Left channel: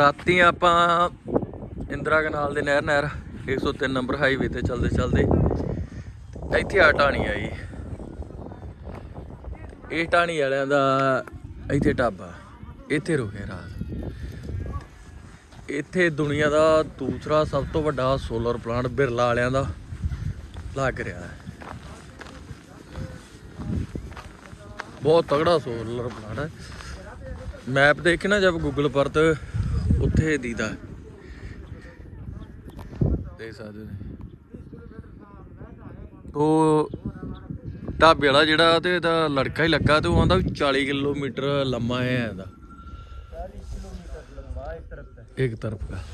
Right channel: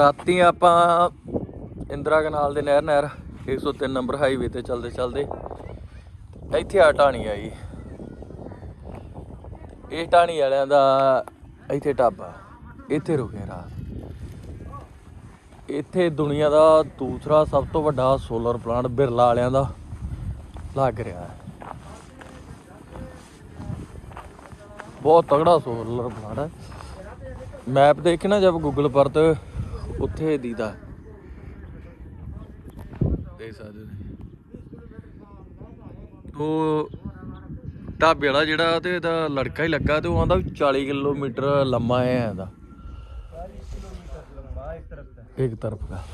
ਰਾਤੀ ਆਪਾਂ ਇੰਦਰਾ ਕਨਾਲ ਦੇ ਨਹਿਰ ਨਹਿਰ 103 ਨੰਬਰ ਹਾਈਵੇ ਤੇ ਚੱਲਦੇ ਚਲਦੇ ਇੱਥੇ ਆ ਢਾਣੀ ਆਈ ਇਹ ਟਾਣੀ ਵਾਲਿਆਂ ਦਾ ਇੱਥੇ ਢਾਬਾ, ਇੱਥੇ ਰੁਕੇ ਰਾਤ। ਇੱਥੇ ਦੁਨੀਆ ਦਾ ਦੂਸਰਾ ਸਭ ਤੋਂ ਵੱਡਾ ਸੋਲਰ ਪਲਾਂਟ ਬਿਰਲਾ ਵਾਲਿਆਂ ਦਾ ਲੱਗ ਰਿਹਾ ਹੈ। ਬਹੁਤ ਤਗੜਾ ਸੋਲਰ ਪਲਾਂਟ ਹੈ। ਮੈਪ ਦੇਖ ਨਾ ਜਦ ਗੂਗਲ ਪਰ ਤੇ ਉੱਥੇ ਦੀਦਾ। ਦੇਖ ਸਕਦੇ ਨੇ ਤੋ ਢਾਬੇ ਵਾਲਾ ਜਿਹੜਾ ਤੇ ਇਹਦਾ ਲੜਕਾ ਹੀ ਲੱਗਾ ਤੇ ਉਹ ਆਂਦਾ 40 ਕਿਲੋਮੀਟਰ ਲੰਮਾ ਹੈ ਇਹਦਾ। ਇੱਕ ਤਰਫ ਦਾ।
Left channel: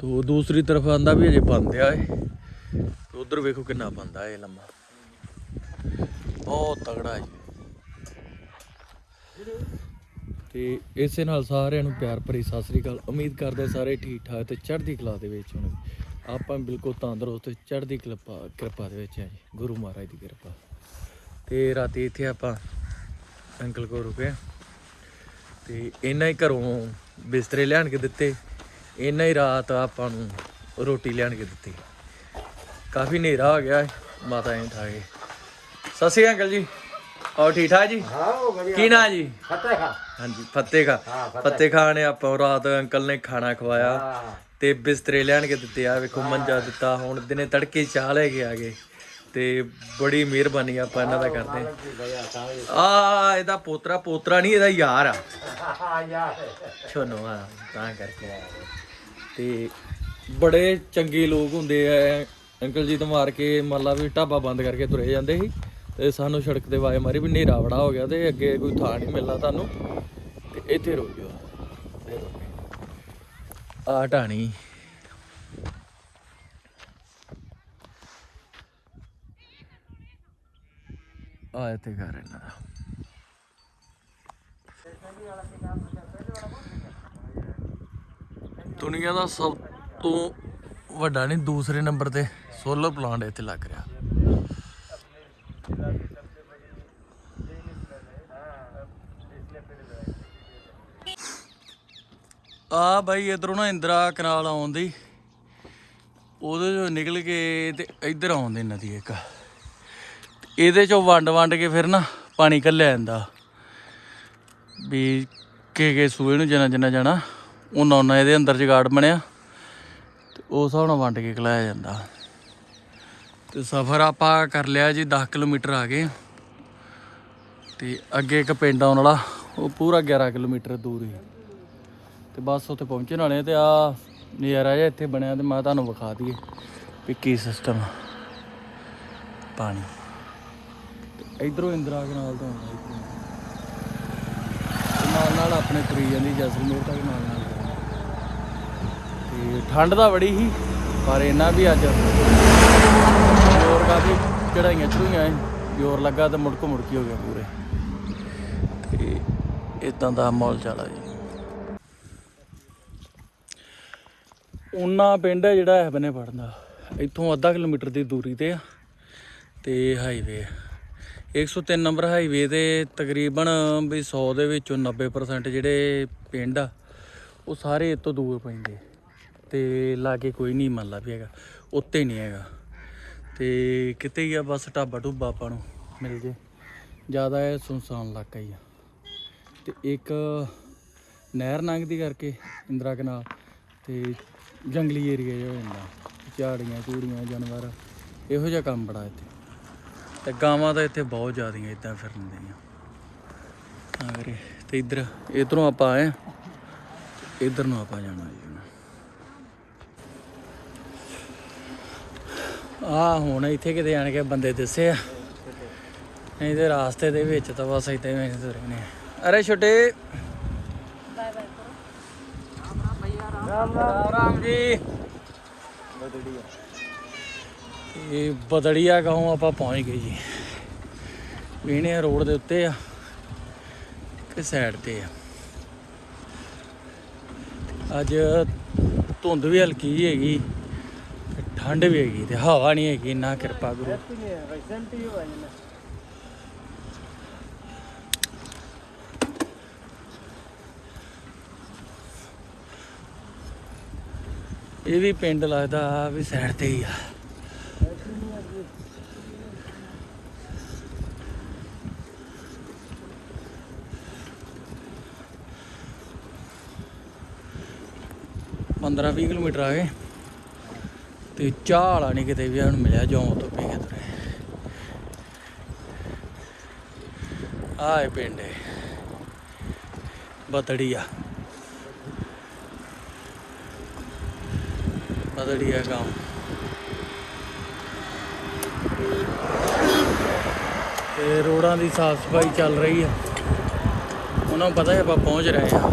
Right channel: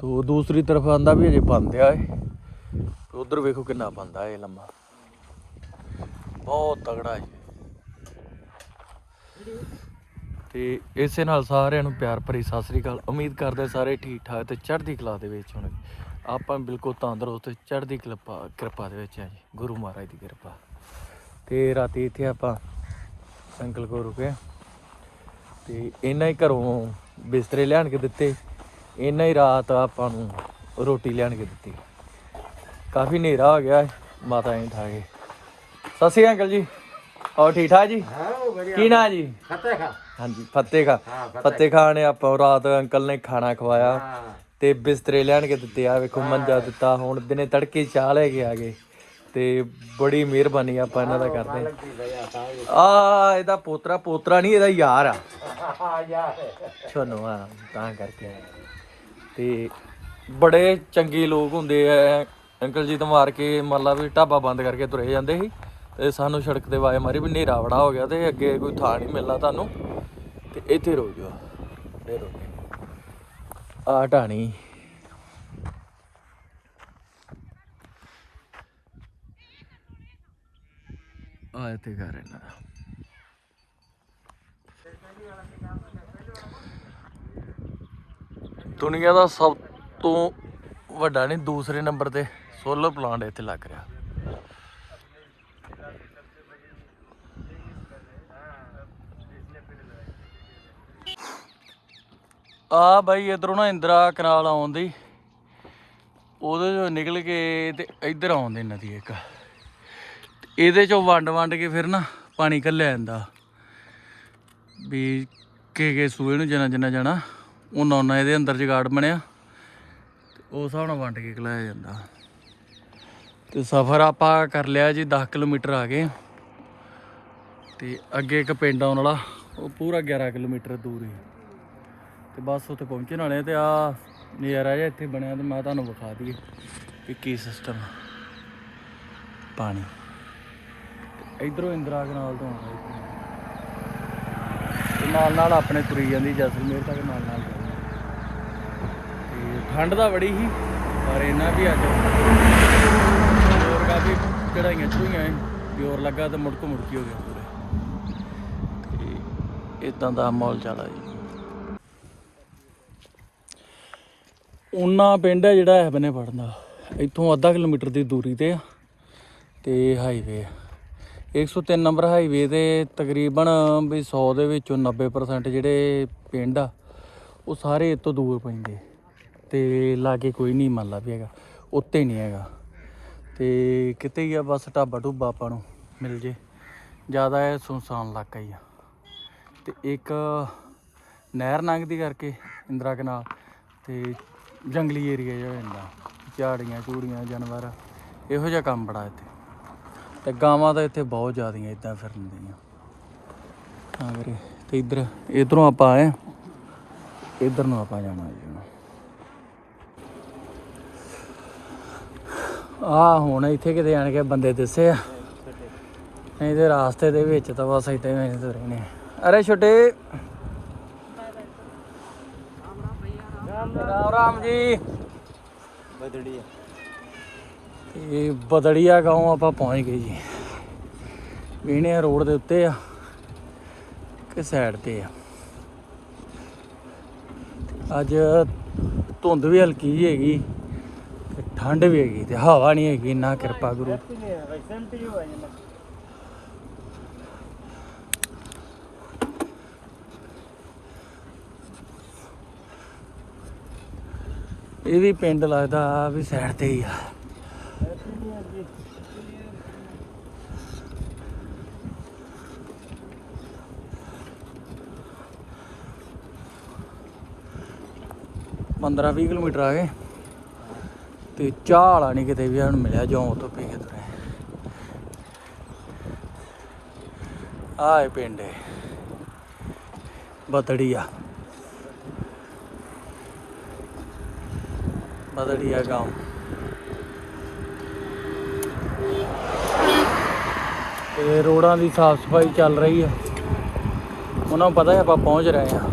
ਤੋ ਦੂਸਰੀ ਤਰਫ ਆਂਦਾ ਵੀ ਅਜੇ ਬੰਦ ਆ ਉਧਰ ਵੇਖੋ ਕਿੰਨਾ ਬੰਦਾ ਇਹ ਲੰਮਾ। ਬਹੁਤ ਤਗੜਾ ਹੈ। ਤੇ ਇਸੇ ਨਾਲ ਸਾਰਿਆਂ ਨੂੰ ਪਿਆਰ ਭਰੀ ਸਤਿ ਸ੍ਰੀ ਅਕਾਲ। ਉਮੀਦ ਕਰਦੇ ਸਾਰੇ ਠੀਕ ਠਾਕ ਤੇ ਚੜ੍ਹਦੀ ਕਲਾ ਦੇ ਵਿੱਚ ਹੋਣਗੇ। ਆਪਾਂ ਬਿਲਕੁਲ ਤੰਦਰੁਸਤ ਤੇ ਚੜ੍ਹਦੀ ਕਿਰਪਾ ਕਿਰਪਾ ਦੇ ਵਿੱਚ ਆ ਜੀ। ਗੁਰੂ ਮਹਾਰਾਜ ਦੀ ਕਿਰਪਾ। ਤੇ ਰਾਤੀ ਇੱਥੇ ਆਪਾਂ ਅੰਕਲ ਕੋਲ ਰੁਕੇ ਤੇ ਇਹਨਾਂ ਹੀ ਘਰੋਂ ਬਿਸਤਰੇ ਲਿਆਣ ਕੇ ਦਿੱਤੇ। ਇਹਨਾਂ ਹੀ ਰਾਤ ਆਪਾਂ ਨੂੰ ਰੋਟੀ ਲਿਆਣ ਕੇ ਦਿੱਤੀ। ਕਾਫੀ ਹਨੇਰਾ ਹੋ ਗਿਆ। ਮਾਤਾ ਜੀ ਠਾਏ ਸਤਿ ਸ੍ਰੀ ਅਕਾਲ ਜੀ। ਹੋਰ ਠੀਕ ਠਾਕ ਜੀ? ਹਾਂ ਉਹ ਬੜੀ ਕੀ ਨਾਂ ਜੀ? ਖੱਤੇ ਖਾ। ਹਾਂਜੀ ਫੱਤੇ ਖਾ ਹਾਂ ਫੱਤੇ ਖਾਨ ਨੇ ਆਪਾਂ ਰਾਤ ਅੰਕਲ ਨੇ ਖਾਣਾ ਖਵਾਇਆ। ਹਾਂ। ਤੇ ਬਿਸਤਰੇ ਲਿਆਣ ਕੇ ਦਿੱਤੇ ਆ ਵੇਖੋ ਮੰਜਾ ਦਿੱਤਾ ਹੁਣ ਦਿਨੇ ਤੜਕੇ ਚਾਹ ਲੈ ਕੇ ਆ ਗਏ। ਤੇ ਬੜੀ ਮਿਹਰਬਾਨੀ ਆਪਾਂ ਇਹਨਾਂ ਦਾ ਕਰਦੇ ਆ ਇਹਦਾ ਪੋਤਰਾ ਪੋਤਰਾ ਨਹੀਂ ਇਹਦਾ ਯਾਰ ਆ। ਛੋਨੋ ਆ ਤਾਂ ਕਰਕੇ। ਤੇ ਬੜੇ ਚੰਗੇ ਲੋਕ ਹੁੰਦੇ ਆ। ਅੰਕਲ ਜੀ ਤੋਂ ਮਾਰ ਕੇ ਮੰਨ ਲਾ ਵੀ ਢਾਬਾ ਬੰਦ ਕਰਕੇ ਤੁਰੇ ਜਾਂਦੇ ਸੀ। ਤੇ ਸਾਨੂੰ ਸੜਕ ਤੇ ਆਵਾਜ਼ ਮਾਰੀ ਵੀ ਹਨੇਰਾ ਬੜਾ ਹੋ ਗਿਆ ਤੇ ਅੱਗੇ ਕੋਈ ਥਾਂ ਨਹੀਂ ਮਿਲਣਾ ਤੁਹਾਨੂੰ। ਤੇ ਇੱਥੇ ਰੋ ਜਾਓ ਇਹ ਰੁਕ ਆ ਢਾਣੀ। ਆ ਇੱਥੇ ਘਰ ਇਹਨਾਂ ਦਾ। ਦੁਨੀਆ ਦਾ ਸਭ ਤੋਂ ਵੱਡਾ ਨਹੀਂ, ਦੂਸਰੇ ਨੰਬਰ ਤੇ ਸੋਲਰ ਪਲਾਂਟ ਇੱਥੇ ਲੱਗ ਰਿਹਾ। ਆ ਬਾਈ ਇਧਰੋਂ ਨਾ ਇੰਦਰਾ ਕਨਾਲ ਆਉਂਦੀ ਉਹਦੇ ਚੋਂ ਨਿਕਲ ਕੇ ਤੇ ਇੱਧਰ ਆਉਂਦੀ ਨਦੀ ਇੱਕ। ਤੇ ਇਹਦੇ ਚੋਂ ਵੰਡ ਵੰਡ ਕੇ ਫਿਰ ਨਾ ਪਾਣੀ ਕੱਲਿਆ ਜਾਂਦਾ। ਵੀ ਕੇ ਕੇ ਸੂਏ ਨੂੰ ਜਨਾ ਜਿੰਨਾ ਜਾਣਾ ਉਹਨਾਂ ਉਹਨਾਂ ਇਹਦੇ ਅੰਦਰ ਜਗਾੜ ਬਣਿਆ। ਤੇ ਉਸ ਹਿਸਾਬ ਨਾਲ ਵੰਡ ਕੇ ਖਲਾਇਆ ਜਾਂਦਾ। ਤੇ ਸਫ਼ਰ ਆਪਾਂ ਕਰ ਲਿਆ ਜੀ 10 ਕਿਲੋਮੀਟਰ ਆ ਗਏ। ਤੇ ਅੱਗੇ ਇੱਕ ਪਿੰਡ ਆਉਣ ਵਾਲਾ, ਉਹ ਪੂਰਾ 11 ਕਿਲੋਮੀਟਰ ਦੂਰ ਹੈ। ਤੇ ਬਸ ਉੱਥੇ ਪਹੁੰਚਣ ਵਾਲੇ ਆ ਤੇ ਆ ਨਜ਼ਾਰਾ ਜਿਹਾ ਇੱਥੇ ਬਣਿਆ ਤੇ ਮੈਂ ਤੁਹਾਨੂੰ ਵਿਖਾ ਦਈਏ ਵੀ ਕੀ ਸਿਸਟਮ ਪਾਣੀ। ਤੇ ਇਧਰੋਂ ਇੰਦਰਾ ਕਨਾਲ ਤੋਂ ਆਉਂਦਾ ਇਧਰੋਂ ਨਾਲ ਨਾਲ ਆਪਣੇ ਤੁਰੀ ਜਾਂਦੀ ਜੈਸਲਮੇਰ ਤੱਕ ਨਾਲ ਨਾਲ ਜਾਊਗੀ ਤੇ ਠੰਡ ਤਾਂ ਬੜੀ ਸੀ, ਪਰ ਇਹਨਾਂ ਵੀ ਅੱਜ ਜ਼ੋਰ ਕਾਫੀ ਚੜਾਈਆਂ ਚੜੂਈਆਂ ਸੀ। ਜ਼ੋਰ ਲੱਗਾ ਤੇ ਮੁੜਕ ਮੁੜਕੀ ਹੋ ਗਿਆ ਪੂਰੇ। ਤੇ ਇਦਾਂ ਦਾ ਮਾਹੌਲ ਚੱਲਾ ਜੀ। ਉਨਾ ਪਿੰਡ ਹੈ ਜਿਹੜਾ ਇਹ ਬਨੇ ਪੜਦਾ ਇੱਥੋਂ ਅੱਧਾ ਕਿਲੋਮੀਟਰ ਦੀ ਦੂਰੀ ਤੇ ਆ। ਤੇ ਹਾਈਵੇ 103 ਨੰਬਰ ਹਾਈਵੇ ਤੇ ਤਕਰੀਬਨ ਵੀ 100 ਦੇ ਵਿੱਚੋਂ 90% ਜਿਹੜੇ ਪਿੰਡ ਆ, ਉਹ ਸਾਰੇ ਇਹ ਤੋਂ ਦੂਰ ਪੈਂਦੇ। ਤੇ ਲਾਗੇ ਕੋਈ ਨਹੀਂ ਮੰਨ ਲਾ ਵੀ ਹੈਗਾ। ਉੱਤੇ ਨਹੀਂ ਹੈਗਾ। ਤੇ ਕਿਤੇ ਹੀ ਆ ਬਸ ਢਾਬਾ ਢੁੱਬਾ ਆਪਾਂ ਨੂੰ ਮਿਲ ਜੇ। ਜ਼ਿਆਦਾ ਇਹ ਸੁਨਸਾਨ ਇਲਾਕਾ ਹੀ ਆ। ਤੇ ਇੱਕ ਨਹਿਰ ਲੰਘਦੀ ਕਰਕੇ ਇੰਦਰਾ ਕਨਾਲ ਤੇ ਜੰਗਲੀ ਏਰੀਆ ਜਿਹਾ ਹੋ ਜਾਂਦਾ। ਝਾੜੀਆਂ ਚੂੜੀਆਂ ਜਾਨਵਰ, ਇਹੋ ਜਿਹਾ ਕੰਮ ਬੜਾ ਇੱਥੇ। ਤੇ ਗਾਵਾਂ ਤਾਂ ਇੱਥੇ ਬਹੁਤ ਜ਼ਿਆਦੀਆਂ ਇਦਾਂ ਫਿਰਨ ਦੀਆਂ। ਹਾਂ ਵੀਰੇ, ਤੇ ਇੱਧਰ, ਇਧਰੋਂ ਆਪਾਂ ਆਏ ਇਧਰ ਨੂੰ ਆਪਾਂ ਜਾਣਾ ਜੀ। ਹੁਣ ਆ ਹੁਣ ਇੱਥੇ ਕਿਤੇ ਆਣ ਕੇ ਬੰਦੇ ਦਿਸੇ ਆ। ਨਹੀਂ ਤੇ ਰਾਸਤੇ ਦੇ ਵਿੱਚ ਤਾਂ ਬਸ ਇਦਾਂ ਹੀ ਤੁਰੇ ਨੇ ਅਰੇ ਛੋਟੇ ਰਾਮ ਰਾਮ ਜੀ। ਇਹ ਬਦੜੀਆ ਗਾਉਂ ਆਪਾਂ ਪਹੁੰਚ ਗਏ ਜੀ। ਇਹਨੇ ਰੋਡ ਦੇ ਉੱਤੇ ਆ ਤੇ ਸਾਈਡ ਤੇ ਆ। ਅੱਜ ਧੁੰਦ ਵੀ ਹਲਕੀ ਜਿਹੀ ਹੈਗੀ, ਤੇ ਠੰਡ ਵੀ ਹੈਗੀ, ਤੇ ਹਵਾ ਨਹੀਂ ਹੈਗੀ ਨਾ ਕਿਰਪਾ ਗੁਰੂ। ਇਹ ਵੀ ਪਿੰਡ ਲੱਗਦਾ ਵੀ ਸਾਈਡ ਤੇ ਹੀ ਆ। ਪੰਦਰਾਂ 20 ਕਿਲੋਮੀਟਰ ਆ ਗਏ। ਤੇ ਚਾਹ ਵਾਲਾ ਨਹੀਂ ਕਿਤੇ ਵੀ ਹੁਣ ਮਿਲਿਆ ਜੋਂ ਤੋਂ ਪੀ ਕੇ ਤੁਰੇ। ਆਏ ਪਿੰਡ ਏ। ਬਦੜੀਆ। ਬਦੜੀਆ ਗਾਉਂ। ਤੇ ਰੋਡਾਂ ਦੀ ਸਾਫ਼ ਸਫ਼ਾਈ ਚੱਲ ਰਹੀ ਹੈ ਉਹਨਾਂ ਨੂੰ ਪਤਾ ਹੈ ਆਪਾਂ ਪਹੁੰਚ ਰਹੇ ਹਾਂ।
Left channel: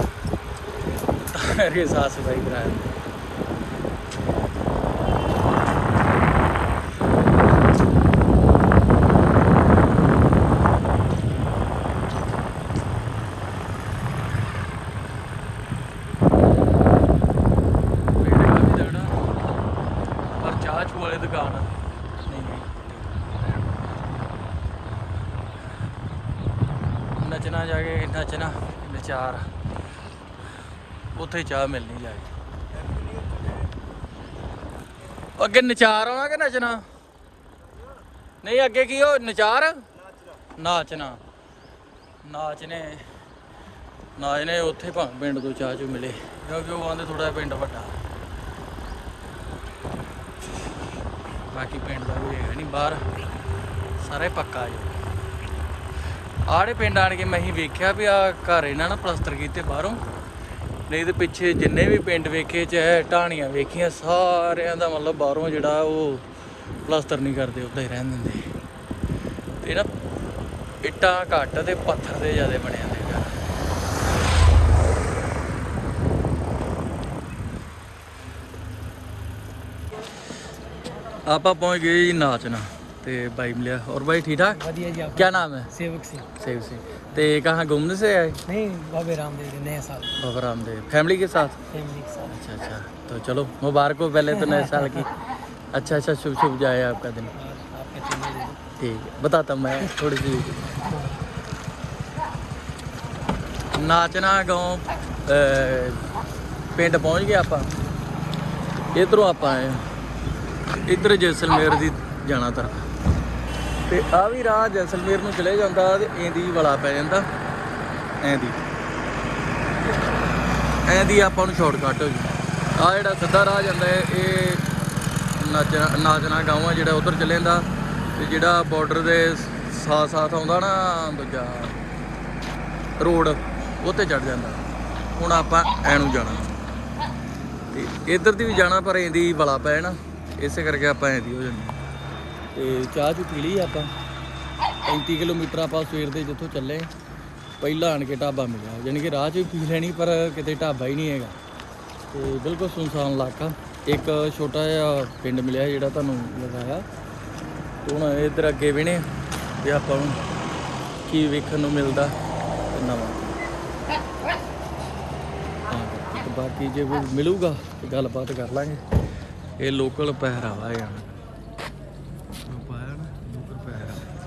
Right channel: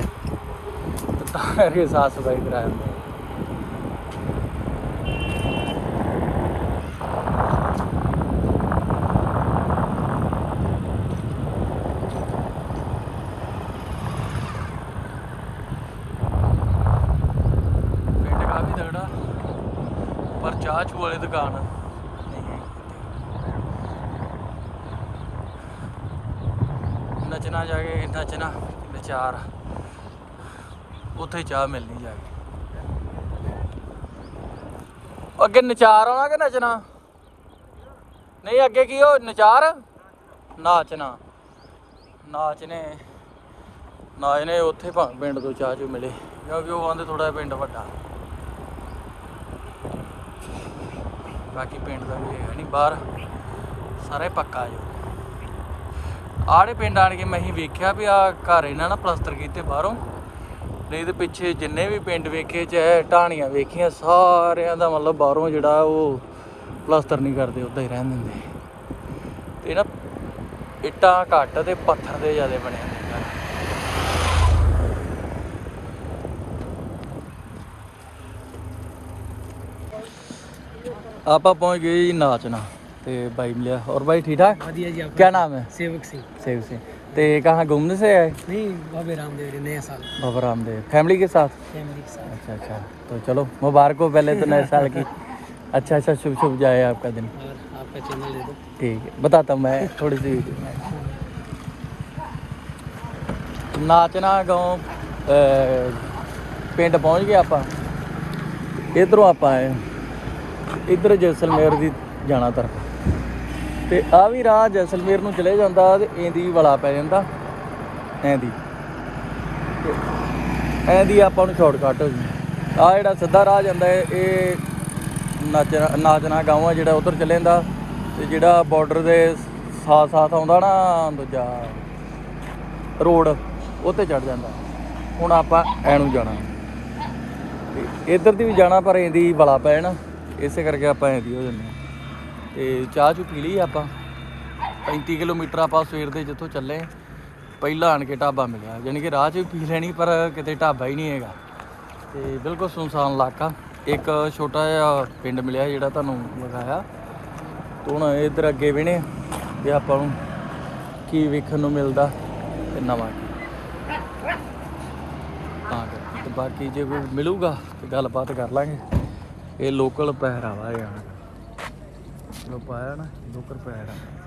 ਤਾਂ ਇਹ ਸਾਫ਼ ਸਫ਼ਾਈ ਕਰਾ ਰਹੇ 4 ਉੱਥੇ ਚਾਹ ਮਿਲਣੀ ਜਾ ਅੱਗੇ ਨਚਾਰ ਆਉਣਾ ਕਿ ਨੱਚਣਾ? ਨਹੀਂ, ਅੱਗੇ ਕੀ ਹੋ ਨਚਾਰ? ਨਾਚਣਾ। ਨਾਚਨੇ ਨਾਚਨੇ ਉੱਥੇ ਭੰਗ ਪਿੰਡ ਤੋਂ ਚਾਹ ਚ ਮਿਲੇ। ਕਿਉਂਕਿ ਉਹ ਆਂਦੇ ਥੋੜਾ ਪਿੰਡ ਵੱਡਾ। ਬਾਕੀ ਪਿੰਡ ਦਾ ਵੀ ਹੈਗਾ ਨਹੀਂ, ਬਾਹਰ ਸਾਰੇ ਪੱਕਾ ਹੈ। ਆੜੇ ਪਿੰਡ ਆਣ ਕੇ ਮੈਂ ਹੀ ਵੇਖਿਆ ਵੀ ਆ ਘਰ ਇਹਨਾਂ ਨਾ ਪਲਸਤਰ ਕੀਤੇ ਬਾਹਰੋਂ। ਨਹੀਂ ਤੇ ਪਿੱਛੇ ਜਿੰਨੇ ਵੀ ਪਿੰਡ ਵੇਖੇ, ਚਾਹੇ ਢਾਣੀਆਂ ਵੇਖੀਆਂ, ਸਾਰਿਆਂ ਦਾ ਮਤਲਬ ਬਾਹਰੋਂ ਜਿਹੜਾ ਉਹ ਪਲਸਤਰ ਨਹੀਂ ਕਰਦੇ, ਉਦਾਂ ਹੀ ਰਹਿਣ ਦਿੰਦੇ। ਤੇ ਨਾ ਇੱਟਾਂ ਘੱਟ ਤੇ ਪੱਥਰ ਦੇ ਜ਼ਿਆਦਾ ਬਣੇ ਹੁੰਦੇ ਘਰ। ਆਪਾਂ ਪਹੁੰਚ ਗਏ ਜੀ ਨਾਚਨਾ ਤੇ ਬਾਈ ਮਿਲਿਆ और भाई ठीक ठाक बढ़िया जी आप क्या नाम है सेवक सिंह सही से ते कहाँ घूमने से आए नहीं बाबे रामदेव जी नया साल बाबा रामदेव फैमिली के साथ फैमिली के साथ अच्छा अच्छा तो चलो मुबारक हो पहले तो नए साल की अच्छा अच्छा शुभ शुभ जाए आपका दिन और आपका चैनल दे दो ठीक है बताता हूँ मैं थोड़ी सी ਨਾਚਣਾ ਗਾਉਂ ਪਿੰਡ ਪਹੁੰਚ ਗਏ ਆਪਾਂ ਇਧਰੋਂ ਆਪਾਂ ਆਏ ਇਧਰ ਜੈਸਲਮੇਰ ਦੀ ਜਾਣਾ ਤਰਫ ਤੇ ਆ ਵੀ ਰਾਹ ਜੈਸਲਮੇਰ ਨੂੰ ਚਲੇ ਜਾਂਦਾ ਤੇ ਇਹਦੀ ਵਲਾ ਪੈ ਜਾਂਦਾ। ਐਂਦੀ ਤੇ ਐਂਦੀ ਆਪਾਂ ਨੂੰ ਸ਼ਾਰਟਕਟ ਹੋ ਗਈ ਆ ਜਿਹੜਾ ਸਿੱਧਾ ਰਾਹ ਜਾਂਦਾ ਹੈ, ਇਹ ਨਾਚਣਾ ਨਾਚਣਾ ਗਾਉਂ ਆ ਜਿਹੜਾ ਉਧਰ ਚਲੇ ਜਾਂਦਾ। ਤੇ ਜਿਹੜਾ ਬਾਰਡਰ ਦੇ ਸਾਥ ਸਾਥ ਆਉਂਦਾ ਨਾ ਦੂਜਾ ਰੋਡ ਉੱਤੇ ਚੜ ਜਾਂਦਾ। ਹੁਣ ਆਪਾਂ ਐ ਨੂੰ ਜਾਣਾ। ਤੇ ਇੱਧਰ ਦੀ ਵੀ ਜਾਣਾ ਪਰ ਇਹਦੀ ਵਲਾ ਪੈ ਜਾਣਾ। ਇਸੇ ਕਰਕੇ ਆਪਾਂ ਐਦੀ ਹੋ ਜਾਂਦੇ। ਤੇ ਚਾਹ ਚੁ ਪੀ ਲਈ ਆਪਾਂ। 35 ਕਿਲੋਮੀਟਰ ਆਪਾਂ ਸਵੇਰ ਦੇ ਜਿੱਥੋਂ ਚੱਲੇ, ਪਹਿਲਾਂ ਆਣ ਕੇ ਢਾਬਾ ਮਿਲਿਆ। ਯਾਨੀ ਕਿ ਰਾਹ 'ਚ ਵੀ ਪੀ ਲੈਣੀ, ਪਰ ਕਿਤੇ ਢਾਬਾ ਹੀ ਨਹੀਂ ਹੈਗਾ। ਤੇ ਬਿਲਕੁਲ ਸੁਨਸਾਨ ਇਲਾਕਾ। ਇੱਕ ਛੋਟਾ ਜਿਹਾ ਪਿੰਡ ਮਿਲਿਆ ਜਿਹੜਾ ਤੁਹਾਨੂੰ ਲਗਾਇਆ ਹੁਣ ਇੱਧਰ ਅੱਗੇ ਵਿਣੇ ਨੇ, ਤੇ ਆਪਾਂ ਨੂੰ ਕੀ ਵੇਖਣ ਨੂੰ ਮਿਲਦਾ ਤੇ ਨਵਾਂ। ਤਾਂ ਕਰਕੇ ਤੇ ਬਾਕੀ ਜੇ ਕੋਈ ਮਿਲੂਗਾ ਤੇ ਗੱਲਬਾਤ ਕਰ ਲਾਂਗੇ। ਇਹ ਲੋਕਲ ਪਹਿਰਾਵਾ ਹੈ ਯਾਰ ਲੋ ਪਾਇਆ ਨਾ ਲੋਕਲ ਪਹਿਰਾਵਾ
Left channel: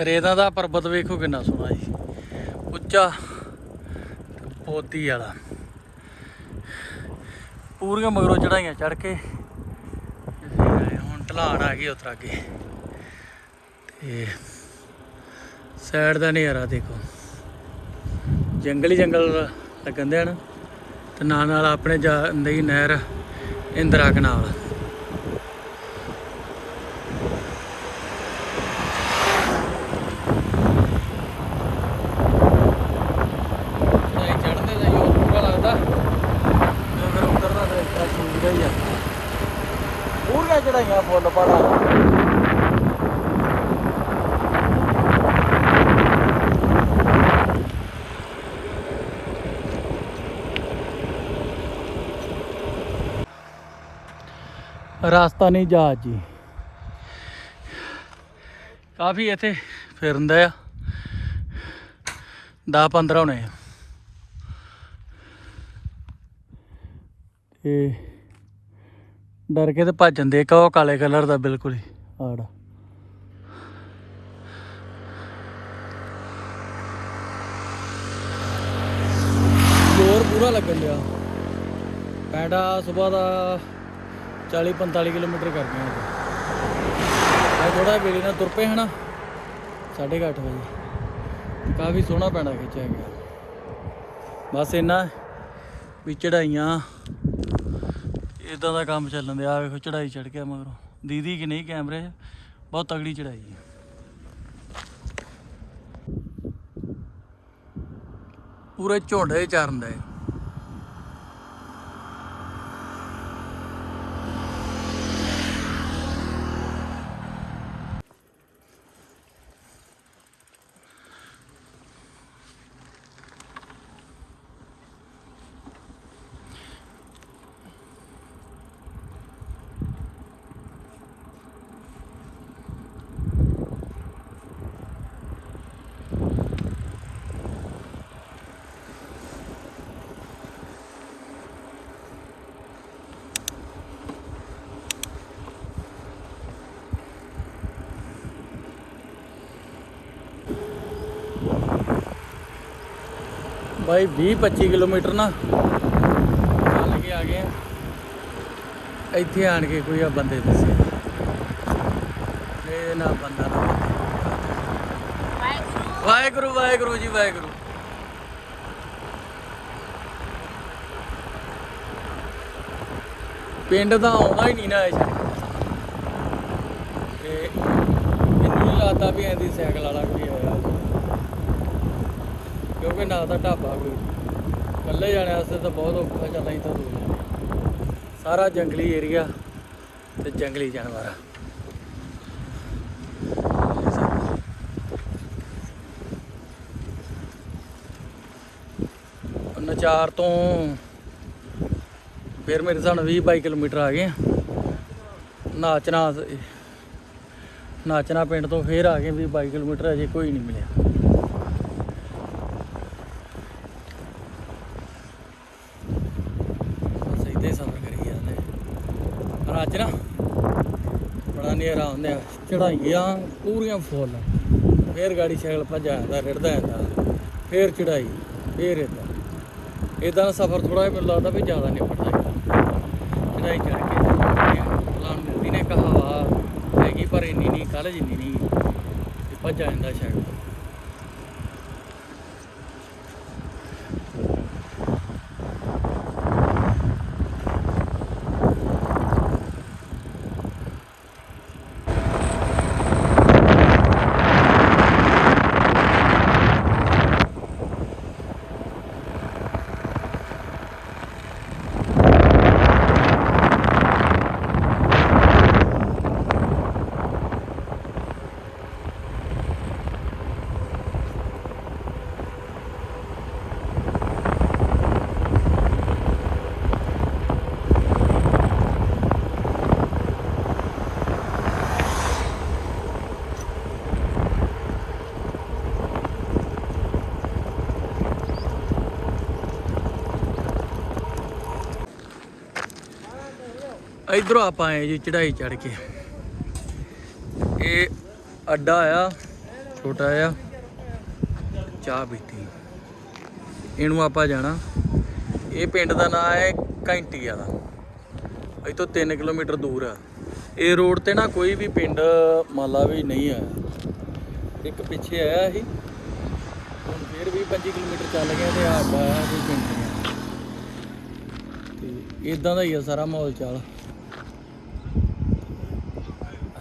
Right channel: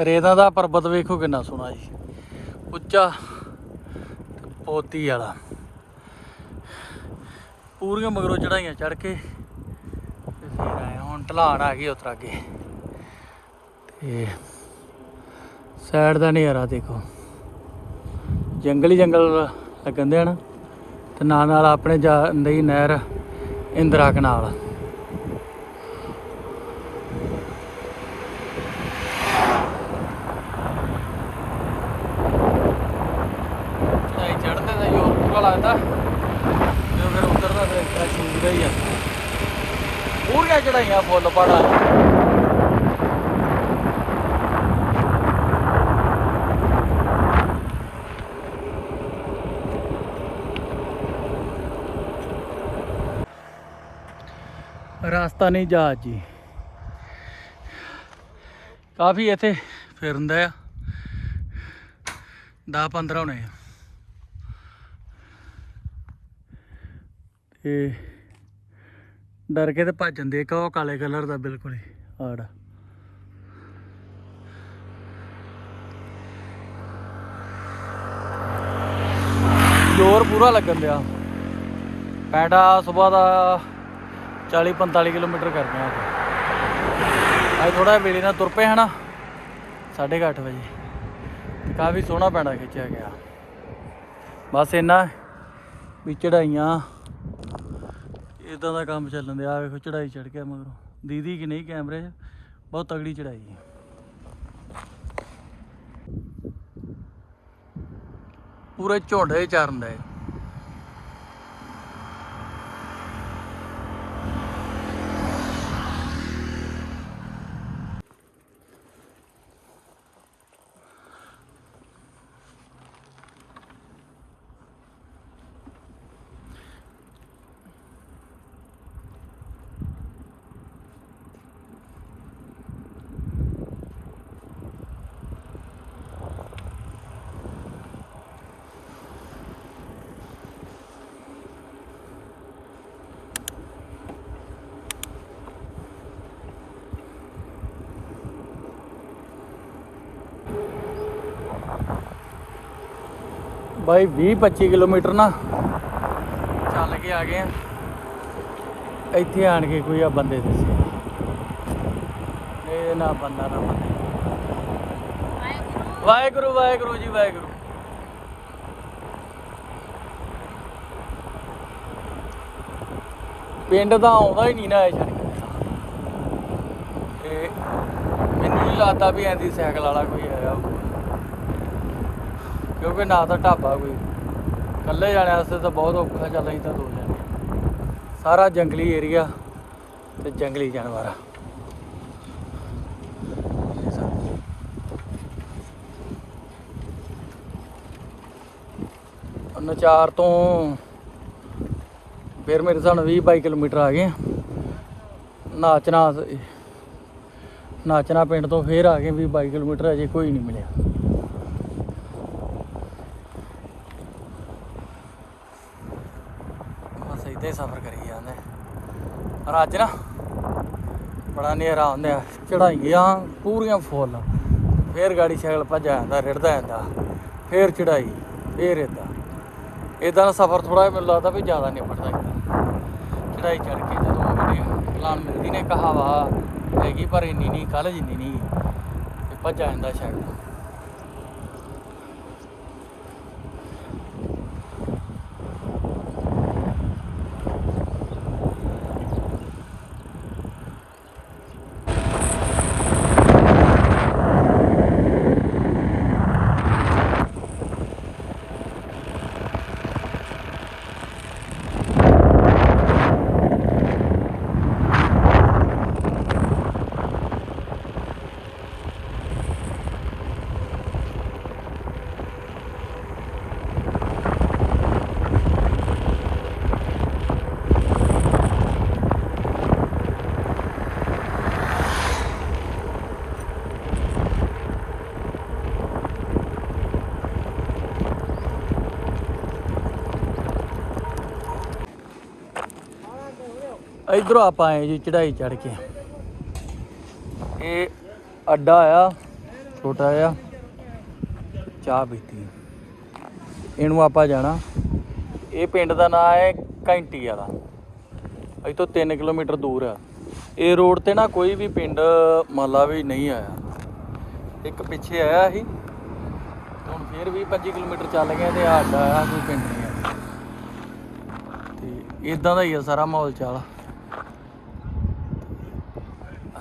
ਰੇਤਾਂ ਦਾ ਪਰਬਤ ਵੇਖੋ ਕਿੰਨਾ ਸੋਹਣਾ ਜੀ। ਉੱਚਾ ਬੋਤੀ ਵਾਲਾ। ਪੂਰੀਆਂ ਮਗਰੋਂ ਚੜਾਈਆਂ ਚੜ ਕੇ। ਹੁਣ ਢਲਾਣ ਆ ਗਈ ਉਤਰ ਅੱਗੇ। ਤੇ ਸਾਈਡ ਦਾ ਨਜ਼ਾਰਾ ਦੇਖੋ। ਜੰਗਲੀ ਜੰਗਲ ਲੱਗਣ ਦੇ ਹਨ ਤੇ ਨਾਲ ਨਾਲ ਆਪਣੇ ਜਾਂਦੀ ਨਹਿਰ ਇੰਦਰਾ ਕਨਾਲ। ਚੜਾਈ ਚੜ੍ਹਦੇ ਦਾ ਯੋਰ ਪੂਰਾ ਲੱਗਦਾ। ਤੇ ਫਿਰ ਉਤਰਦਾ ਫਿਰ ਇੱਕ ਸੂਰਜ ਹੀ ਆ। ਪੂਰੀਆਂ ਚੜਾਈਆਂ ਫੁੱਲ ਪੜਾ ਰਸਤਾ ਨਹੀਂ ਜਹਾਜ਼ ਜੀ। ਕਾਫੀ ਇੱਥੇ ਫਿਰਦਾ ਆ। 10 15 ਹੋਣੇ ਆ। ਤੇ ਡਰ ਕੇ ਤੇ ਭੱਜ ਜਾਂਦੇ ਇੱਕ ਉਹ ਕਾਲੇ ਕਲਰ ਦਾ ਬਿਲਕੁਲ ਹੀ। ਆੜ। ਜ਼ੋਰ ਪੂਰਾ ਲੱਗਣ ਦਿਆ। ਪੈਂਡਾ ਸਵੇਰ ਦਾ 40 45 ਕਿਲੋਮੀਟਰ ਕਰ ਗਏ ਅੱਜ। ਅੱਜ ਥੋੜਾ ਵੇਲੇ ਨਾਲ ਤੁਰ ਪਏ ਹਨਾ। 8:30 ਵਜੇ। ਕਾਫੀ ਸੋਹਣਾ ਪੈਂਡਾ ਖਿੱਚਿਆ ਗਿਆ। ਬਸ ਇੰਨਾ ਵੀ ਚੜਾਈਆਂ। ਇਦਾਂ ਦਾ ਕੰਮ ਚੱਲਣ ਦਿਆ। ਵੇਖੋ ਚੜਾਈ ਚੜ ਗਿਆ ਮਗਰੋਂ। ਦੀਦੀ ਕਿ ਨਹੀਂ ਕੈਮਰੇ 'ਚ? ਬਹੁਤ ਤਗੜੀ ਚੜਾਈ ਹੈ ਪੂਰੇ ਝੋਂਡੇ ਚਰਨ ਦੇ। ਬਾਈ 20 25 ਕਿਲੋਮੀਟਰ ਨਾ। ਚੱਲ ਕੇ ਆ ਗਏ ਆ। ਇੱਥੇ ਆਣ ਕੇ ਕੋਈ ਆ ਬੰਦੇ ਦਿਸੇ। ਇਹ ਨਾ ਬੰਦਾ ਨਾ। ਵਾਹਿਗੁਰੂ ਵਾਹਿਗੁਰੂ ਜੀ ਵਾਹਿਗੁਰੂ। ਪਿੰਡ ਦਾ ਆਉਂਦਾ ਹੀ ਨਹੀਂ ਨਾ ਇਹ ਤੇ ਮੈਨੂੰ ਲੱਗਦਾ ਵੀ ਐਂਦੀ ਸਾਈਕਲ ਵਾਲਾ ਕੋਈ ਆਇਆ ਹੋਊਗਾ। ਕਿਉਂਕਿ ਨਾ ਤਾਂ ਢਾਬਾ ਕੋਈ। ਇਕੱਲੇ ਜਾਣੇ ਵਾਸਤੇ ਤਾਂ ਬਹੁਤ ਔਖਾ ਚੱਲ ਅਸੀਂ ਤਾਂ ਦੋ ਜਣੇ ਸਾਰਾ ਜੰਗਲੀ ਏਰੀਆ ਤੇ ਜੰਗਲੀ ਜਾਨਵਰ ਨਚਾਰ ਤੋਂ ਫਿਰ ਮੇਰੇ ਹਿਸਾਬ ਨਾਲ 20 22 ਕਿਲੋਮੀਟਰ ਆ ਗਏ ਆ। ਨਾਚਨਾ ਨਾਚਨਾ ਪਿੰਡ ਤੋਂ ਫੇਰ ਆ ਗਏ 20 22 ਕਿਲੋਮੀਟਰ, ਅਜੇ ਕੋਈ ਨਹੀਂ ਮਿਲਿਆ ਬਸ ਏਦਾਂ ਹੀ ਸਫ਼ਰ ਕਰੀ ਜਾਂਦੇ ਪਰ ਅੱਜ ਨਾ ਬੜਾ ਨੇਰਾ ਹੁੰਦਿਆ ਚੜਾਈਆਂ ਪੂਰੀਆਂ ਫੁੱਲ। ਫੇਰ ਗਾੜੀ ਸਾਈਕਲ ਭੱਜ ਜਾਂਦਾ ਰਿੜਦਾ ਜਾਂਦਾ ਫੇਰ ਚੜਾਈ ਫੇਰ ਏਦਾਂ। ਇਦਾਂ ਦਾ ਸਫ਼ਰ ਥੋੜਾ ਜਿਹਾ ਮੈਨੂੰ ਲੱਗਦਾ ਵੀ ਜ਼ਿਆਦਾ ਨਿਪਟ ਜਾਂਦਾ ਚੜਾਈ ਚੜ ਕੇ ਜਦੋਂ ਪਲਾਨ ਮਿਲਦੀ ਨੇ ਕਹਾਵਾ ਹੈਗੀ ਪਰ ਇੰਨੀ ਨਹੀਂ ਕੱਲ ਜਿੰਨੀ ਨਹੀਂ। ਤੇ ਭੱਜ ਜਾਂਦਾ ਸਾਈਕਲ। ਇਧਰੋਂ ਆਪਾਂ ਆਏ ਜੀ ਚੜਾਈ ਚੜ ਕੇ। ਇਹ ਅੱਡਾ ਆ, ਛੋਟਾ ਆ ਚਾਹ ਪੀਤੀ। ਇਹਨੂੰ ਆਪਾਂ ਜਾਣਾ। ਇਹ ਪਿੰਡ ਦਾ ਨਾਮ ਹੈ ਘੰਟੀ ਵਾਲਾ। ਅਜ ਤੋਂ 3 ਕਿਲੋਮੀਟਰ ਦੂਰ ਆ। ਇਹ ਰੋਡ ਤੇ ਨਾ ਕੋਈ ਵੀ ਪਿੰਡ, ਮੰਨ ਵੀ ਨਹੀਂ ਆਇਆ। ਇੱਕ ਪਿੱਛੇ ਆਇਆ ਸੀ। ਹੁਣ ਫੇਰ ਵੀ 25 ਕਿਲੋਮੀਟਰ ਚੱਲ ਗਏ ਤੇ ਆ ਅੱਡਾ ਆ, ਕੋਈ ਪਿੰਡ ਨਹੀਂ ਆ। ਤੇ ਇਦਾਂ ਦਾ ਹੀ ਆ ਸਾਰਾ ਮਾਹੌਲ ਚਾਲ।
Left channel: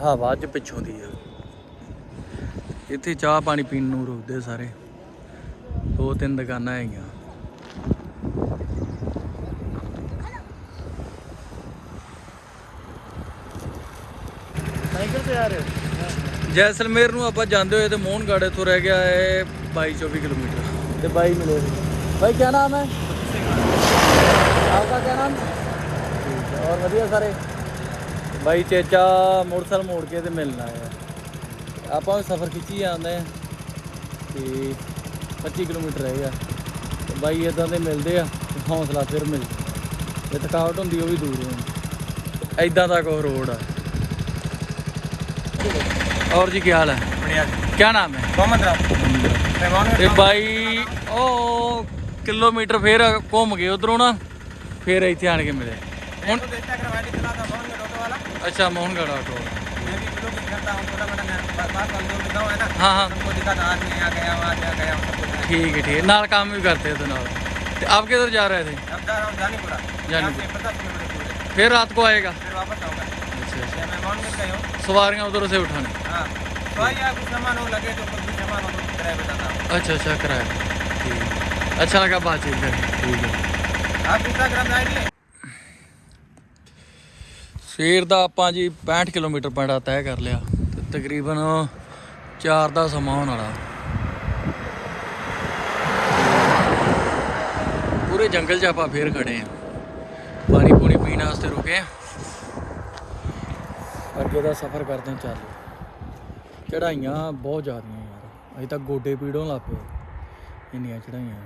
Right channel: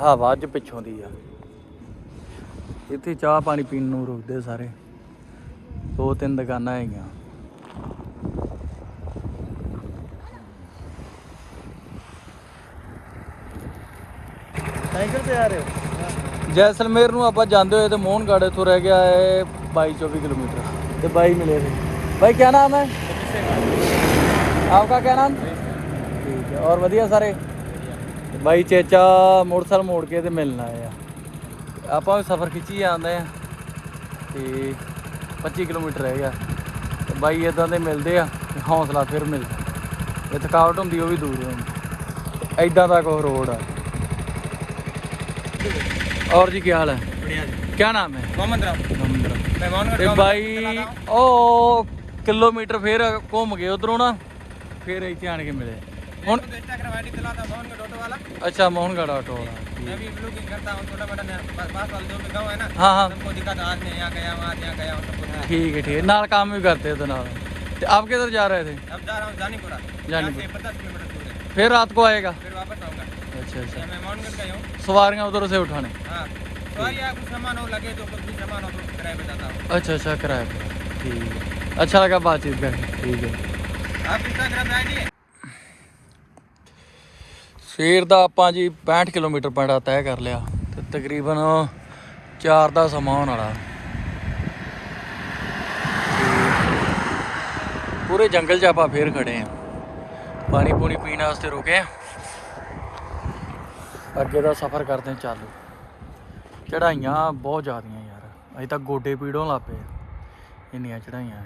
ਹਵਾ ਅੱਜ ਪਿੱਛੋਂ ਦੀ ਆ। ਇੱਥੇ ਚਾਹ ਪਾਣੀ ਪੀਣ ਨੂੰ ਰੁਕਦੇ ਸਾਰੇ। ਦੋ ਤਿੰਨ ਦੁਕਾਨਾਂ ਹੈਗੀਆਂ। ਸਾਈਕਲ ਤੇ ਆ ਰਹੇ ਜੈਸਲਮੇਰ ਨੂੰ ਆਪਾਂ ਜਾਂਦੇ ਹੋਏ ਤੇ ਮੋਹਨਗੜ੍ਹ ਤੋਂ ਰਹਿ ਗਿਆ ਹੈ 22 24 ਕਿਲੋਮੀਟਰ। ਤੇ ਬਾਈ ਨੂੰ ਲੈ भाई क्या नाम है आपका क्या नाम ठीक है और बढ़िया सारे ਬਾਈ ਚੇਚਾ ਮੋਟਰਸਾਈਕਲ ਮੋੜ ਕੇ ਤੇ ਮਿਲਣਾ ਆ ਆਪਾਂ ਵੀ ਸਫ਼ਰ ਖਿੱਚੀ ਜਾਂਦੇ ਆ ਤੇ 25 ਕਿਲੋਮੀਟਰ ਰਹਿ ਗਿਆ ਤੇ ਬਾਈ ਇਦਾਂ ਦੇ ਮਿਲਦੇ ਆ ਤੇ ਹੌਸਲਾ ਫਿਰ ਮਿਲਦਾ ਜੇ ਥਕਾਵਟ ਹੁੰਦੀ ਉਹ ਵੀ ਦੂਰ ਹੁੰਦੀ ਇਦਾਂ ਦਾ ਕੋਈ ਰੋਡ ਆ और जी क्या हाल है बढ़िया जी क्या नाम है मोहम्मद राम नंबर मेहमान ਤੇ ਬਾਈ ਉਹ ਕਿਲੋਮੀਟਰ ਫੇਰ ਘੁੰਮ ਗਏ ਉਧਰੋਂ ਨਾ ਫੇਰ ਇੱਥੇ ਆਣ ਕੇ ਮਿਲੇ अच्छा मोहनगढ़ ऑटो वाला। हाँ, हाँ। ठीक है ठीक है। नाल काम भी करते हो तो आप किधर जा रहे थे? पचास किलोमीटर फिर रात को आएगा? फिर वापस आऊँगा। अच्छा अच्छा। उधर से उठाने। अच्छा अच्छा किराया ठीक है। अच्छा लगा बातचीत करें ठीक है। आप इंस्टाग्राम आईडी है? ਸਵੇਰ ਦਾ ਆਪਾਂ ਜੀ 65 ਕਿਲੋਮੀਟਰ ਪਿੰਡਾ ਤੈਅ ਕਰ ਲਿਆ ਤੇ ਤਕਰੀਬਨ 4 ਦਾ ਸਮਾਂ ਹੋਣ ਵਾਲਾ। ਪੂਰੇ ਜੰਗਲ 'ਚ ਆਪਾਂ ਫੇਰ ਖੜੇ ਆ। ਪਾਣੀ ਪੂਣੀ ਪੀਣ ਵਾਸਤੇ ਰੁਕੇ ਆ। ਅੱਗੇ ਦਾ ਸਫ਼ਰ ਕਰਦੇ ਹਾਂ ਚਾਲੂ। ਚੜਾਈਆਂ ਬਹੁਤ ਜ਼ਿਆਦੀਆਂ ਯਾਰ। ਅਜੇ ਤਾਂ ਗੋਡੇ ਪੀੜੋਂ ਲੱਗ ਪਏ। ਇੰਨੀਆਂ ਚੜਾਈਆਂ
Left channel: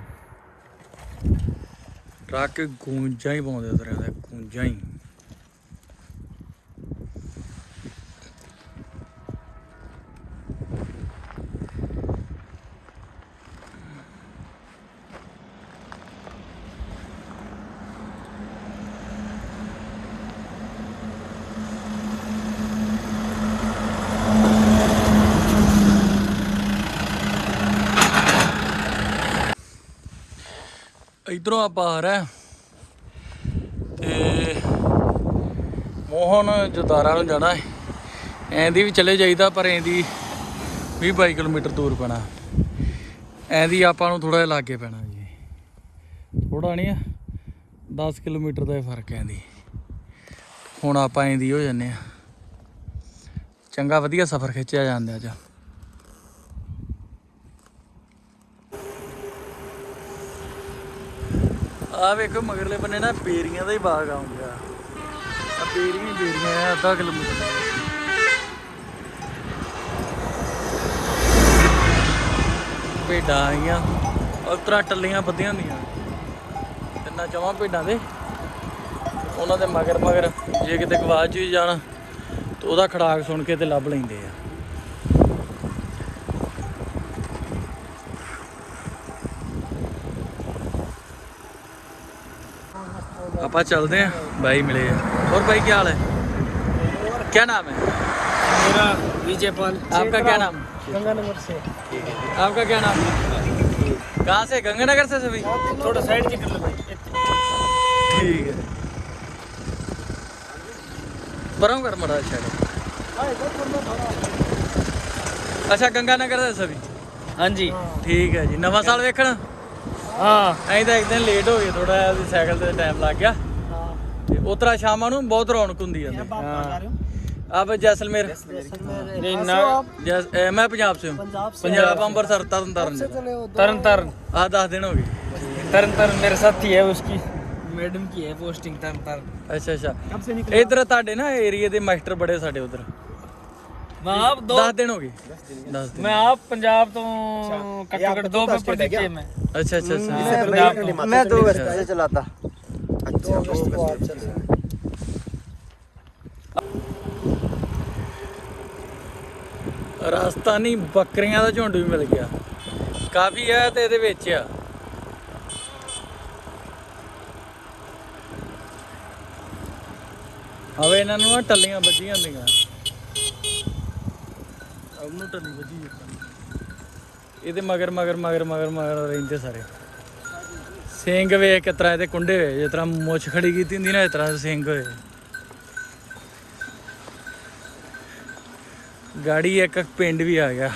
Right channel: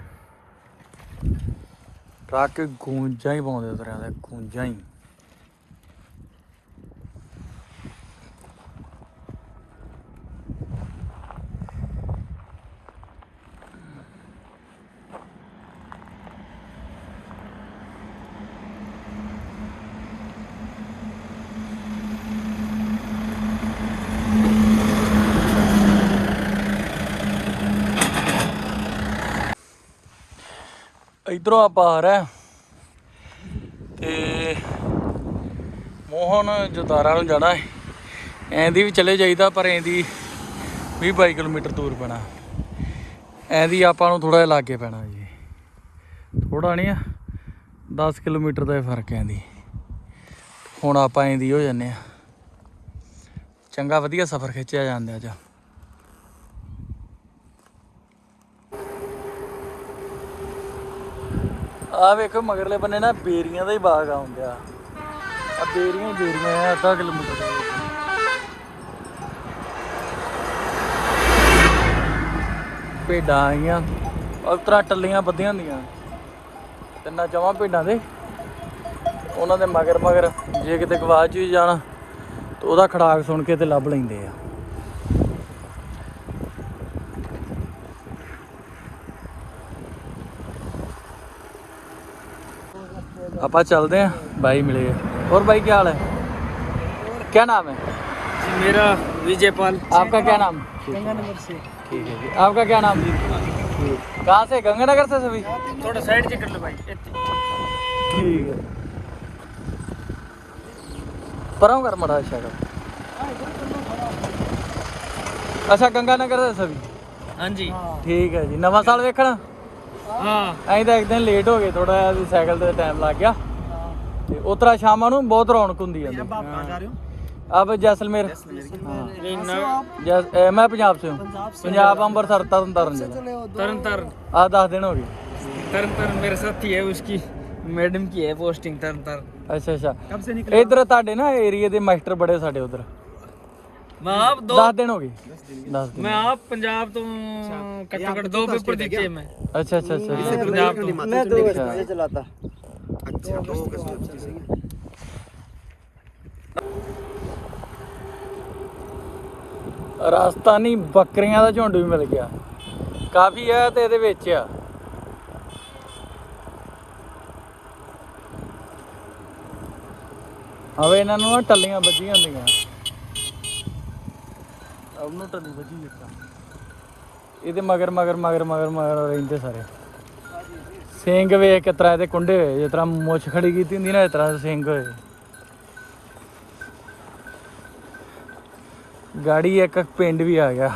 ਟਰੱਕ ਗੂੰਜਾਂ ਹੀ ਪਾਉਂਦੇ ਉਤਰਿਆਂ ਦੇ, ਗੂੰਜਾਂ ਹੀ। ਇਧਰੋਂ ਆਪਾਂ ਆ ਰਹੇ ਹਾਂ। ਤੇ ਮੋਹਨ ਜਦਾਰਾ ਨੂੰ ਜਾਣਾ ਹੈ। ਐਂਦੀ ਵੀ ਚਲੇ ਜਾਈਦਾ, ਪਰ ਐਂਦੀ 20 22 ਕਿਲੋਮੀਟਰ ਦੂਰ ਪੈਣਾ। ਐਂਦੀ ਆਪਾਂ ਨੂੰ ਥੋੜਾ ਜਿਹਾ ਲਾਗੇ ਪੈਣਾ ਜੀ। ਥੋੜਾ ਨਹੀਂ ਆ 10 ਕਿਲੋਮੀਟਰ ਦਾ ਹੀ ਫ਼ਰਕ ਹੈ ਐਂਦੀ। ਹੁਣ ਆਪਾਂ ਐਂਦੀ ਹੋ ਜੰਨੇ ਆ ਚੰਗਾ, ਵਧੀਆ ਸਫ਼ਰ ਖਿੱਚਿਆ ਜਾਂਦਾ ਅੱਜ। ਆ ਵੇਖੋ ਮਗਰਲੇ ਬੰਨੇ ਨਾ ਬੇਰੀਆਂ ਦਾ ਹੀ ਬਾਗ ਆਉਂਦਿਆ ਆ ਬੇਰੀਆਂ ਹੀ ਬੇਰੀਆਂ ਆ, ਅੱਧਾ ਕਿਲੋਮੀਟਰ ਦੇ ਵਿੱਚ। ਭੇਡਾਂ ਆਈਆਂ ਉਸ ਤਰ੍ਹਾਂ ਟੱਲੀਆਂ ਬੱਧੀਆਂ ਹੁੰਦੀਆਂ। ਤਿੰਨਾਂ ਚਵਾਂ ਭੇਡਾਂ ਦੇ। ਉਹਨਾਂ ਦੇ ਮਗਰ ਮਗਰ ਜੇ ਕਿਤੇ ਗਵਾਚ ਵੀ ਜਾਣ, ਤਾਂ ਉਹਦਾ ਖੜਾਕ ਸੁਣ ਕੇ ਤੇ ਲੱਭ ਲੈਂਦੇ ਆ। ਆਪਾਂ ਚੱਲਦੇ ਆਂ ਬਾਈ ਮਿਲੇ ਆ। ਹੋਰ ਬਾਈ ਕੀ ਹਾਲ ਹੈ क्या नाम है मेरा विजय पाल आपका क्या नाम गंगानगर से ठीक है जी। आपका क्या नाम कहाँ से गंगानगर से सभी थोड़ा साइड जी कर लो भाई ठीक है पराऊ कर मड़ा अच्छा ਅੱਛਾ ਗੰਗਾਨਗਰ ਦੇ ਸਭੀ हाँ जी ਠੀਕ ਹੈ ਜੀ ਨਵਾਂ ਸਾਲ ਵੇਖਣ हाँ ਅਸੀਂ ਤਾਂ ਇੱਕ ਦਿਨ ਲੇਟ ਹੋ ਗਏ ਥੋੜਾ ਜਿਹਾ ਵੀ ਸਾਈਕਲ ਤੇ ਟਾਈਮ ਲੱਗ ਗਿਆ ਤੇ ਉਤਰਾ ਸ਼ਾਮਾਂ ਨੂੰ ਬਹੁਤ ਰੌਣਕ ਹੁੰਦੀ ਹੈ आप कहाँ जा रहे हो ਆਪ ਜੈਸਲਮੇਰ ਜੈਸ ਅਹ ਮੈਂ ਪੰਜਾਬ ਸੇ ਹੂੰ ਪੰਜਾਬ ਅੰਮ੍ਰਿਤਸਰ ਤਰਨ ਤਾਰਨ तरन तारण ਆ 10 ਦਿਨ ਹੋ ਗਏ तरन तारण मेरे साथी है उसकी मैडम की है पोस्टिंग तरन तारण ਅੱਛਾ ਅੱਛਾ कब से ਇਧਰ ਤੁਹਾਡੇ ਨਾ ਏਰੀਆ ਦੇ ਮਾਸਟਰ ਬੜੇ ਸਾਡੇ ਉਧਰ मैं आप दो 10 ਦਿਨ ਹੋ ਗਏ 10 ਦਿਨ मैं आप पंजाब तो घट्टो घट्ट दो पेपर दिए मैं ਅੱਛਾ ਅੱਛਾ ਅੱਛਾ पंजाब तो मैं दो घंटे चलाता ਰਾਜਸਥਾਨੀ ਬੱਕਰੀਆਂ ਦਾ ਝੁੰਡ ਵੀ ਮਿਲ ਗਿਆ ਕਾਫੀ ਹੈ ਤੇ ਇਹਦੇ ਵਿੱਚ ਆ ਹਵੇ ਇਹਨਾਂ ਨੂੰ ਨਾ ਟੱਲੀਆਂ ਵੱਜੀਆਂ ਹੁੰਦੀਆਂ ਉਹਨੂੰ ਟੱਲੀ ਵੱਜੀ ਦਿੱਤਾ ਇਹਦੇ ਮਗਰ ਮਗਰ ਮਗਰ ਮਗਰ ਮਗਰ ਰਹਿੰਦੇ ਸਾਰੇ। ਸਿੰਘ ਵੇਖ ਕੇ ਤਰ੍ਹਾਂ ਇਹਦੇ ਕੁੰਡੇ ਹੋਏ ਜਿਸ ਤਰ੍ਹਾਂ ਮੁੱਛ ਖੜੀ ਕੀਤੀ ਹੁੰਦੀ ਨਾ, ਇਸ ਤਰ੍ਹਾਂ ਸਿੰਘ ਹੋਏ ਗਾੜੀ ਇੱਕ ਪਿੰਡ ਵੀ ਆ ਗਿਆ।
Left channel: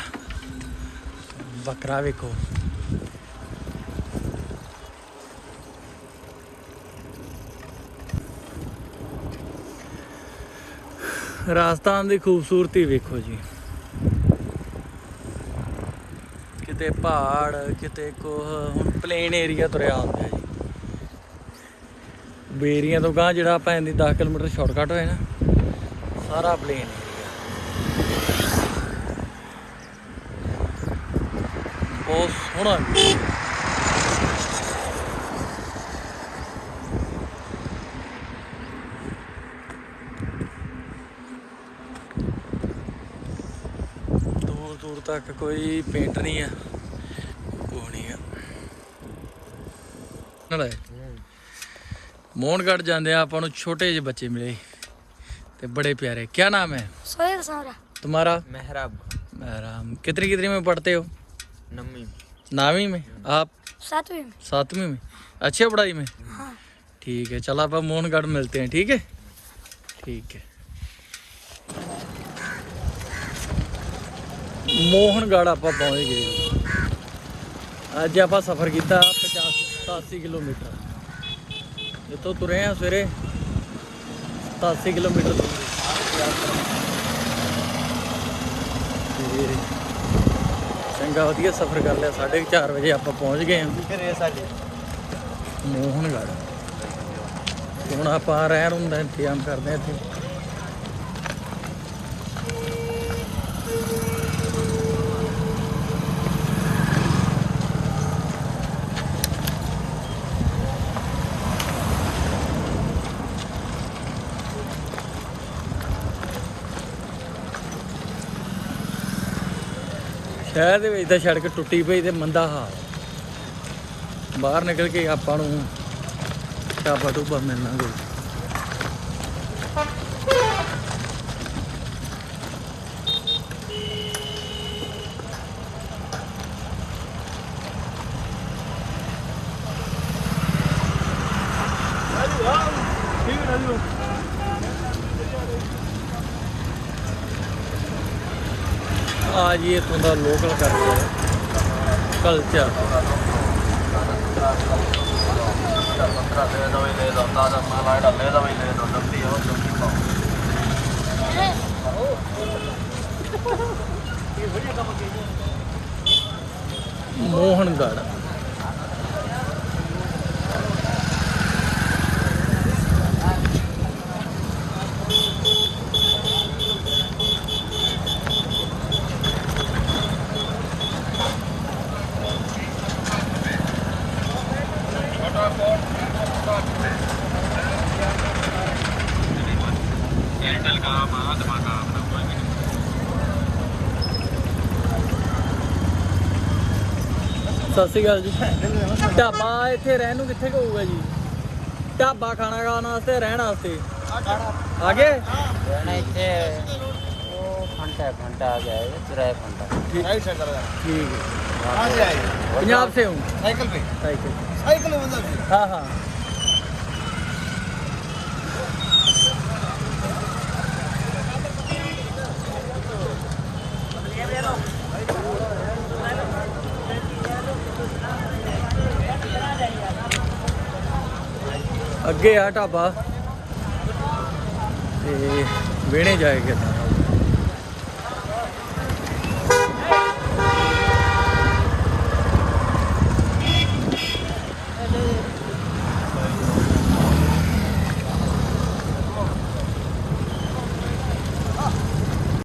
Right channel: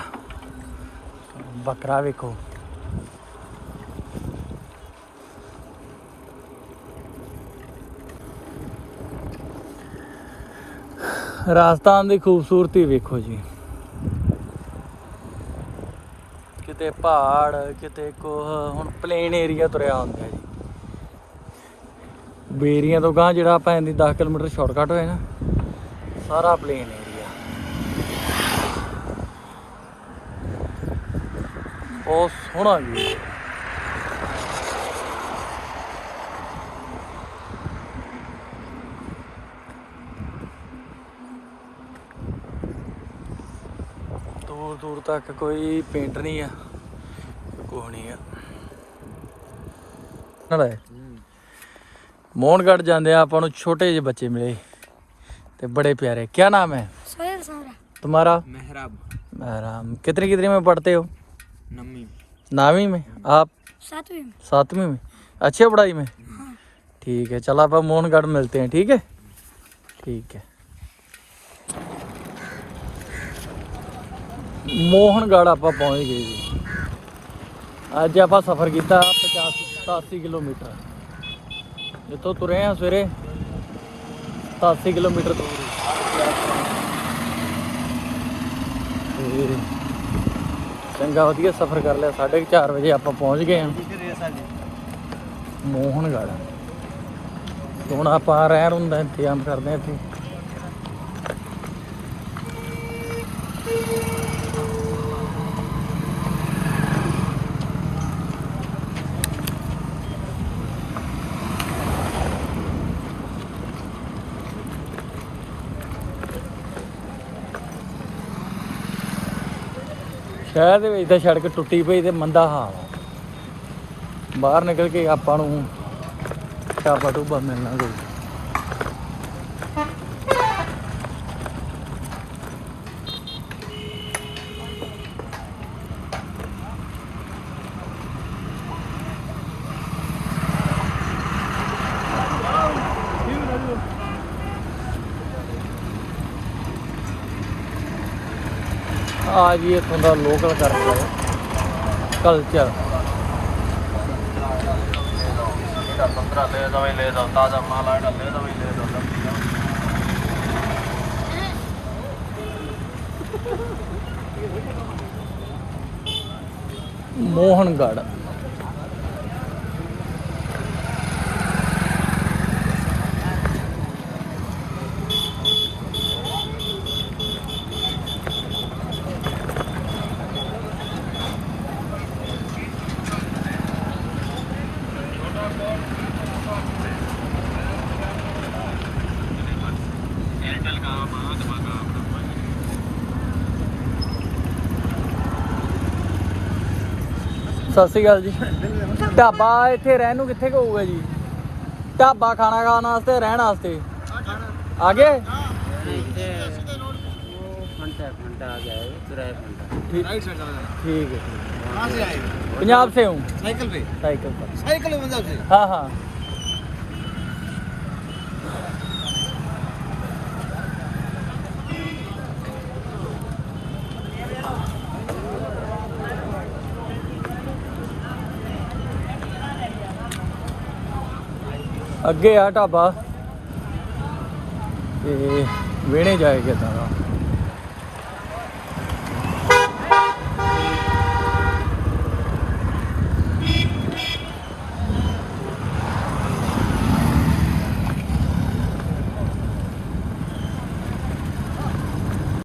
ਬੱਕਰਾ ਵੇਖੋ। ਰਾਜਸਥਾਨ ਦੀ ਖੂਬਸੂਰਤੀ ਵੇਖੋ ਜੀ। ਕਿਤੇ ਪਹਾੜ, ਕਿਤੇ ਕੋਹ ਹੁਣ ਪਲੇਨ ਏਰੀਆ ਤੁਰਿਆ ਹੁੰਦਾ ਜੀ। ਬੇਰੀਆਂ ਤੋਂ ਗਾਂ ਜਿਹੜਾ ਆਪਾਂ ਇੰਦੀ 10 ਕਿਲੋਮੀਟਰ ਸ਼ਾਰਟਕਟ ਹੋਏ ਨਾ, ਸਾਰਾ ਪਲੇਨ ਏਰੀਆ ਬਹੁਤ ਸੋਹਣਾ ਜੀ ਦੂਰ ਦੂਰ ਤੱਕ ਕੋਈ ਪੇਂਟ ਨਹੀਂ ਆ। ਕੋਹਣੀਆ ਨਾਲੇ ਮੋਹਨਗੜ ਜਾਂਦੇ ਆ ਆਪਾਂ ਨੂੰ ਛੋਟੇ ਜਿਹੇ ਬੱਚੇ ਮਿਲੇ ਤੇ ਬੜੇ ਪਿਆਰੇ ਕੀ ਨਾਮ ਹੈ सोहेल सारा तुम्हारा मेहराब राम कितनी कितनी में पढ़ते हो नमी नावी में आप सातवीं में सातवीं में अच्छी है पढ़ाई में हाँ ठीक है चलो आप मोहनगढ़ मिलते हैं ठीक है ठीक है ਮੋਹਨਗੜ੍ਹ ਆਪਾਂ ਪਹੁੰਚ ਗਏ ਜੀ। ਅੱਜ ਆਪਾਂ ਸਫ਼ਰ ਕੀਤਾ 85 87 ਕਿਲੋਮੀਟਰ। ਇੱਥੋਂ ਤੁਰੇ ਆ ਸਵੇਰੇ 87 ਕਿਲੋਮੀਟਰ ਦੂਰ ਚੰਗਾ, ਵਧੀਆ ਸਫ਼ਰ ਕਰ ਲਿਆ। 4:30 ਵਜੇ ਆਪਾਂ ਪਹੁੰਚ ਗਏ ਹਾਂ ਮੋਹਨਗੜ੍ਹ। ਹੁਣ ਆਪਾਂ ਰਹਿਣ ਹੁੰਦਾ ਇੰਤਜ਼ਾਮ ਕਰਦੇ ਹਾਂ ਇੱਥੇ। ਸ਼ਹਿਰ ਦੇ ਵਿੱਚ ਤਾਂ ਸੜਕ ਟੁੱਟੀ ਪਈ ਤੇ ਮੰਦਾ ਹਾਲ। ਬਾਹਰ ਨਿਕਲ ਕੇ ਆਪਾਂ ਨੂੰ ਢਾਬਾ ਟੂਬਾ ਮਿਲਣਾ ਕੋਈ। ਆ ਜੀ ਇੱਥੋਂ ਦਾ local culture culture Mohangarh. ਸਤਿ ਸ਼੍ਰੀ ਅਕਾਲ ਜੀ ਢਾਬਾ ਇੱਥੇ ਰਹਿਣ ਨੂੰ ਕਿੱਥੇ ਕੁ ਹੋਊਗਾ ਜੀ ਢਾਬਾ ਖਾਣਾ ਖਾਣ ਵਾਸਤੇ ਰਹਿਣ ਵਾਸਤੇ ਆ ਗਿਆ ਇੱਥੇ ਉਹ ਘੰਟਾ ਘੰਟਾ ਆ ਗਿਆ ਹੈ ਕਿਰਾਇਆ ਘੰਟਾ राइट साइड लगा ठीक है कहाँ से आए पंजाब से हूँ साइकिल पे साइकिल से साइकिल में मतलब से हाँ हाँ ਅੱਗੇ ਆ ਢਾਬਾ ਤੇ ਵਿਹਣੇ ਜਾਏਗਾ ਤਾਂ।